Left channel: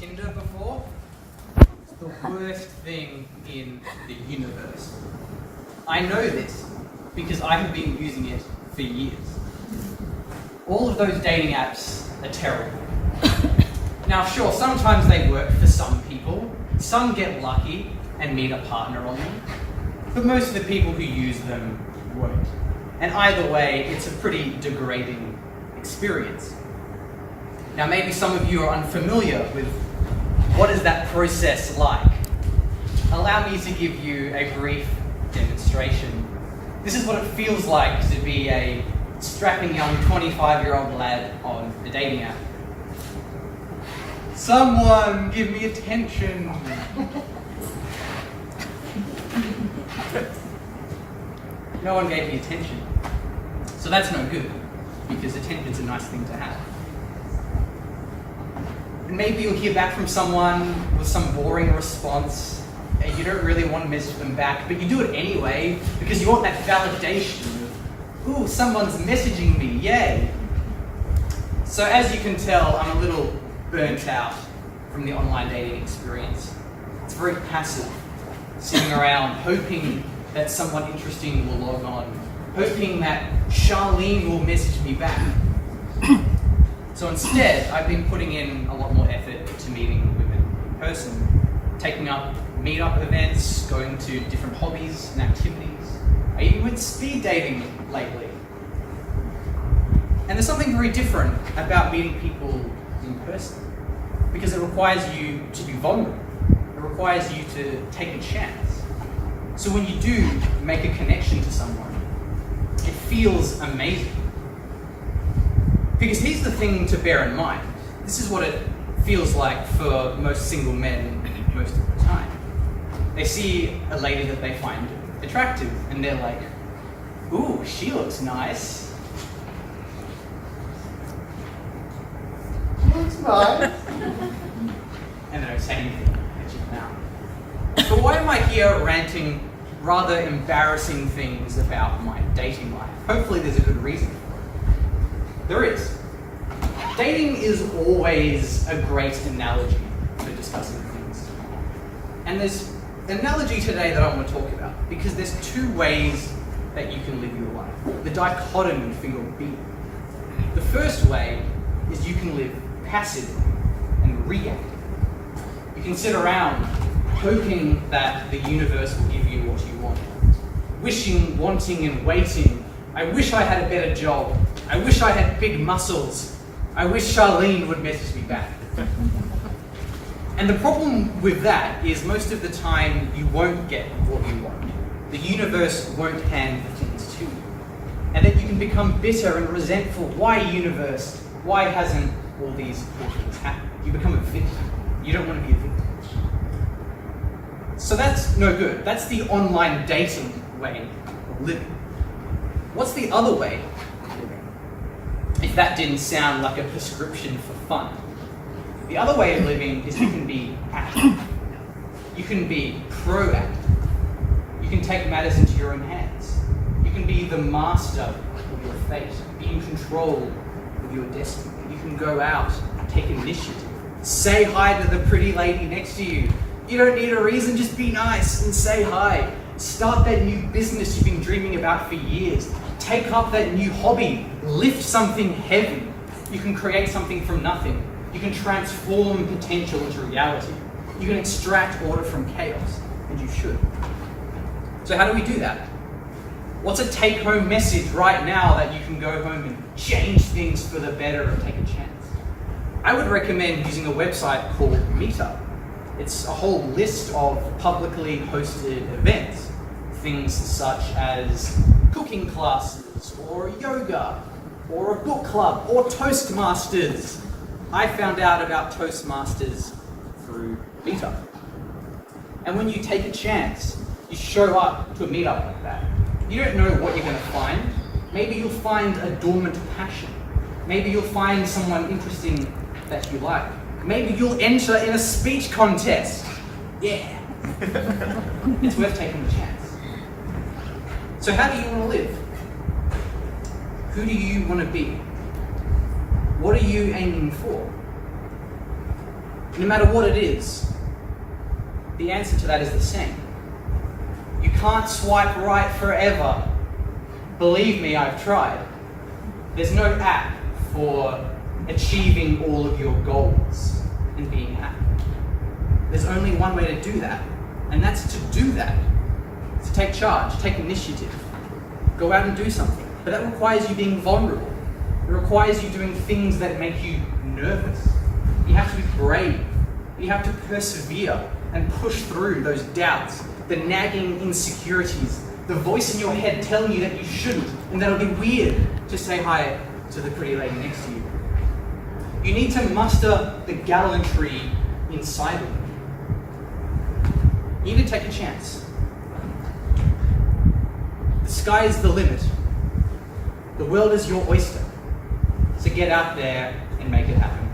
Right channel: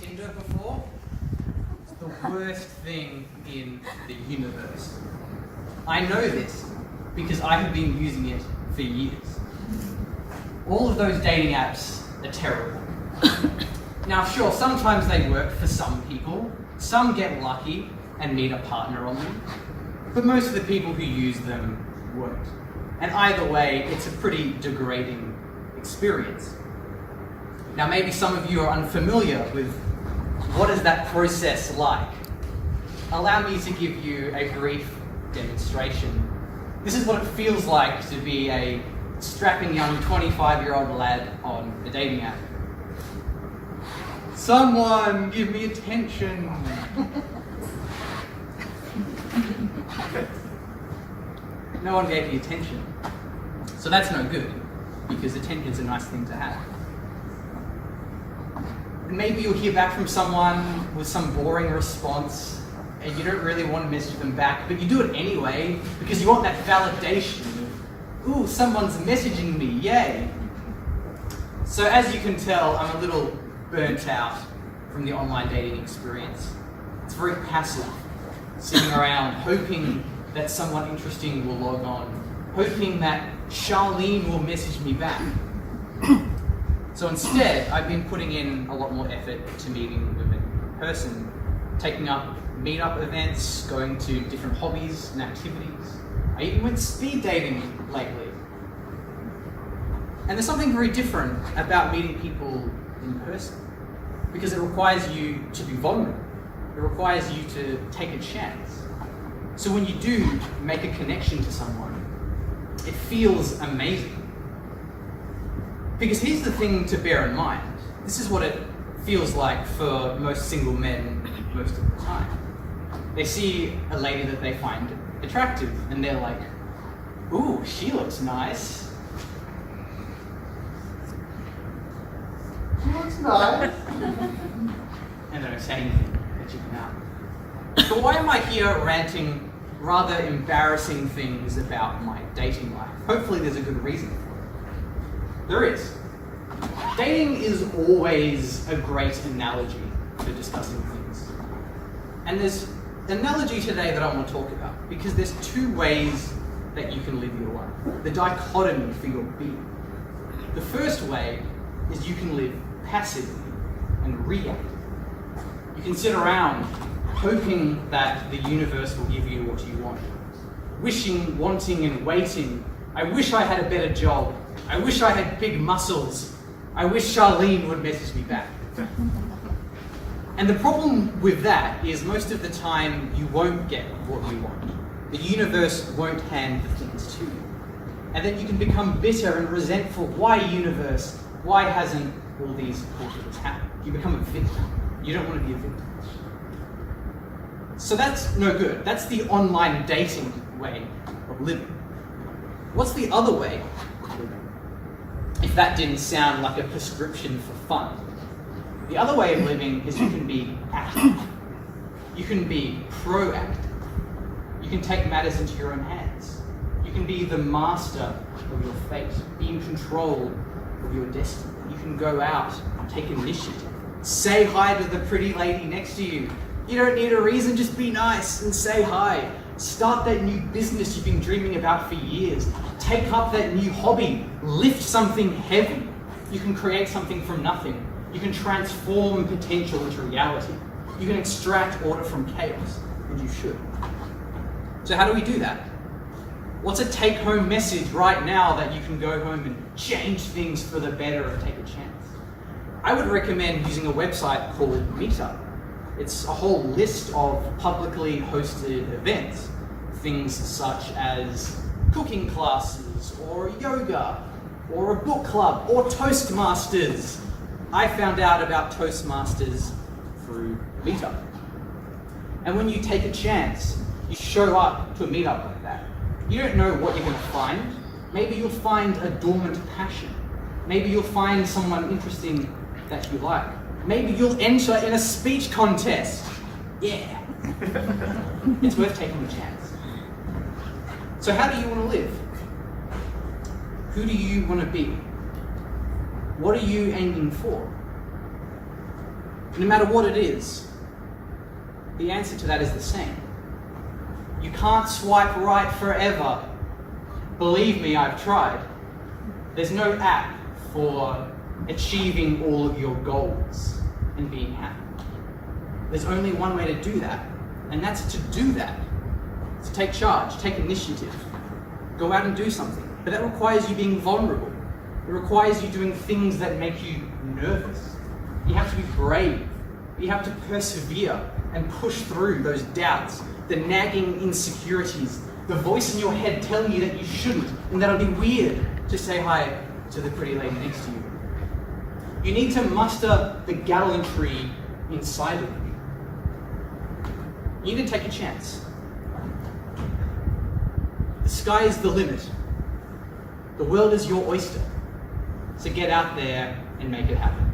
Tinder before? It's the worst thing in the universe. I know this because I have been using it for years. All of those dating apps are terrible. Now sure, sometimes they work for some people. Some get lucky and meet a partner on them. But most of the people who use them won't. And either way, it's a pretty degrading experience. Now maybe some of you are unfamiliar with what is that process like. Allow me to give you a brief demonstration. This is what it feels like to be a strapping young 25-year-old lad on a dating app. Someone give me attention. No one gave me attention. So that's no good, because attention's a nice thing to have. And maybe you'll hear back from someone with some boring response, and you don't really want to message them back, but you do it anyway, because you want that validation of, ooh, someone's messaging me, yay. So as you can tell, I'm a little burnt out from the online dating experience. It's very passive, sitting around hoping that someone interesting will log on, hoping that Charlene will message me back. So instead, I've been putting in a lot more effort to meeting women in person, taking up meetup events, going to different hobbies and activities. I even went speed dating lately. And there's something very different about meeting people in person, because it requires you to be vulnerable. It requires you to take a chance. So when you do make a connection to someone, it feels amazing. Because here's the thing to bear in mind. This is what it feels like for most single men most of the time. They see a lady that they find attractive and they're like, ooh, she looks nice. Looks nice. And they don't say anything, they check them out. So why am I here ranting rather embarrassing things about my dating life? Hopefully there's a good reason for it. There is. Dating is always a great analogy for discussing things. And there's an analogy today that I want to talk about, because there's two ways that you can live your life. The dichotomy for your being. The first way is you can live passively and reactively. You can sit around hoping that the universe will give you what you want. Wishing, wanting, and waiting. I wish I had a better job. I wish I had big muscles. I wish Charlene would message me back. And the problem with that is most of the time you won't get what you want. The universe won't hand the things to you. And then you can become bitter and resentful. Why, universe? Why hasn't all these cool things happened? You become a victim. You don't want to be a victim. So that's no good. That's the online dating way of living. What's the other way of living? If that didn't sound like a prescription for fun. The other way of living is you can be active. You can be proactive. You can take matters into your own hands. You can be the master of your fate, be in control of your destiny. You can go out, take initiative, say hi to the pretty lady next to you. You don't need a reason, just be nice and say hi. Start that new business you've been dreaming about for years. Take up that new hobby, lift something heavy. You can create something from nothing. You can transform potential into reality. You can extract order from chaos, and you should. So how do we do that? What's a take-home message right now that you can go home and change things for the better and take a chance? I would recommend using a website called Meetup. It's a whole list of publicly hosted events. Things such as cooking classes, or yoga, or a book club, or Toastmasters. I found out about Toastmasters through Meetup. And when you take a chance, you show up to a meetup like that. You don't know what you're going to find. Maybe you'll find a dormant passion. Maybe you'll find someone interesting that you like. Maybe you'll enter in a speech contest. Yeah. It's worth taking a chance. So how do you want to live? Who do you want to be? What are you aiming for? no matter what it is, the answer to that is the same. You can't swipe right forever. Believe me, I've tried. There's no app for achieving all of your goals and being happy. There's only one way to do that, and that's to do that. To take charge, take initiative, go out and do something. But that requires you being vulnerable. It requires you doing things that make you nervous. You have to be brave. You have to persevere and push through those doubts, the nagging insecurities, the voice in your head telling you that you shouldn't and that it'll be weird to say hi to the pretty lady next to you. You need to muster the gallantry inside of you. You need to take a chance. The sky is the limit. The world is your oyster. So get out there and make it happen.